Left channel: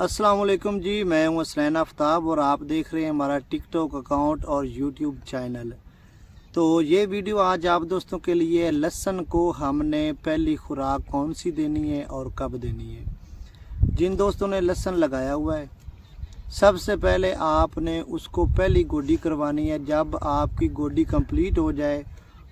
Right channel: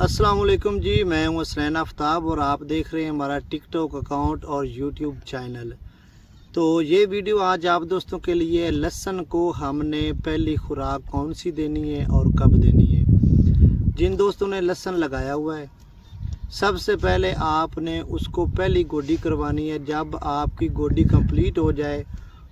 السلام علیکم جی، میں ہوں حسنین آفتاب اور آپ دیکھ رہے ہیں ہمارا ٹک ٹاک اکاؤنٹ اور یوٹیوب چینل۔ تو یہ ویڈیو آج آپ دوستوں کے لیے لہسن کو ہم نے پہلی خوراک کون سی دینی ہے اور کب دینی ہے۔ جن دوستوں نے لہسن لگایا ہوا ہے، سب سے پہلے آپ نے اس کو پہلی گوڈی کروانی ہے۔ جب آپ کی گوڈی کمپلیٹ ہو جائے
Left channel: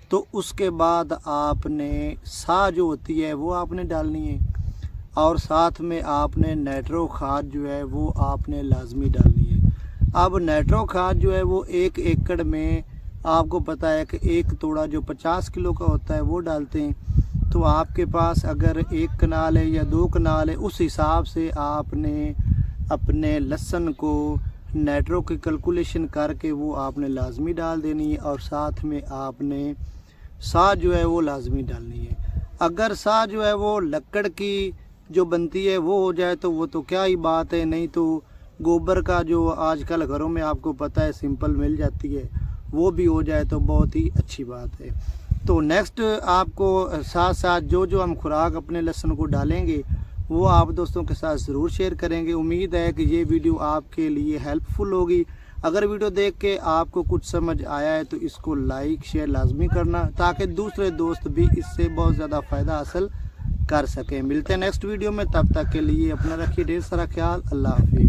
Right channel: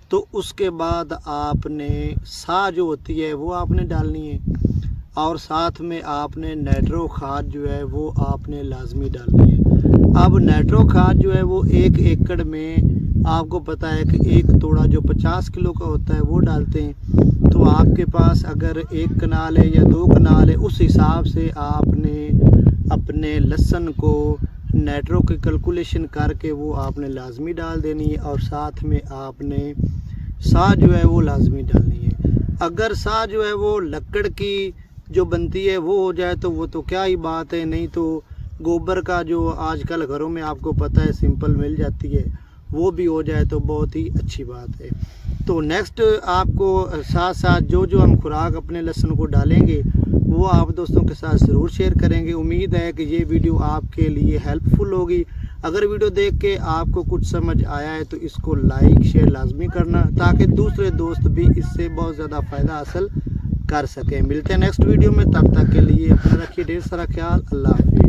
تو اس کے بعد آپ نے سا جو ہوتی ہے وہ آپ نے ڈالنی ہے، اور ساتھ میں آپ نے نائٹرو کھاد جو ہے وہ آپ نے لازمی ڈالنی ہے۔ اب نائٹرو کھاد جو ہے وہ 1 ایکڑ میں آپ کو پتہ ہے کہ ایک توڑا جو 50 کلو کا ہوتا ہے وہ ڈالتے ہیں۔ تو آپ کے پاس اگر 1 کنال ہے یا 2 کنال ہے، اس حساب سے آپ نے اپنے لہسن کو نائٹرو کی کیلکولیشن کر کے وہ آپ نے لازمی ڈال دینی ہے، اور ساتھ میں آپ نے سا جو ہے وہ لازمی ڈالنی ہے۔ اگر سا جو ہے وہ لکڑ کی جو بنتی ہے وہ ہو جائے تو وہ تو کیا ہی بات ہے، نہیں تو گوبر کا جو آج کل گھروں میں آپ کو پتہ ہے سمپل مل جاتی ہے، وہ بھی ہو جائے تو بہت ہی اچھی بات ہے۔ تو نیکسٹ آپ کو ساتھ ساتھ جو ہم خوراک اپنے لہسن کو ڈالیں گے وہ آپ دوستوں کے ساتھ ضرور شیئر کریں گے۔ امید ہے کہ یہ ویڈیو آپ کے لیے ہیلپ فل ہوگی۔ اگر ویڈیو دیکھ کے آپ کو کچھ سمجھ آیا ہے تو اس کو لائک شیئر لازمی کرنا، تاکہ دوسرے دوست بھی اس سے بہت زیادہ فائدہ حاصل کر سکیں۔ ملتے ہیں نیکسٹ ویڈیو میں، تب تک کے لیے اپنا رکھیے ڈھیر سارا خیال۔ اللہ حافظ۔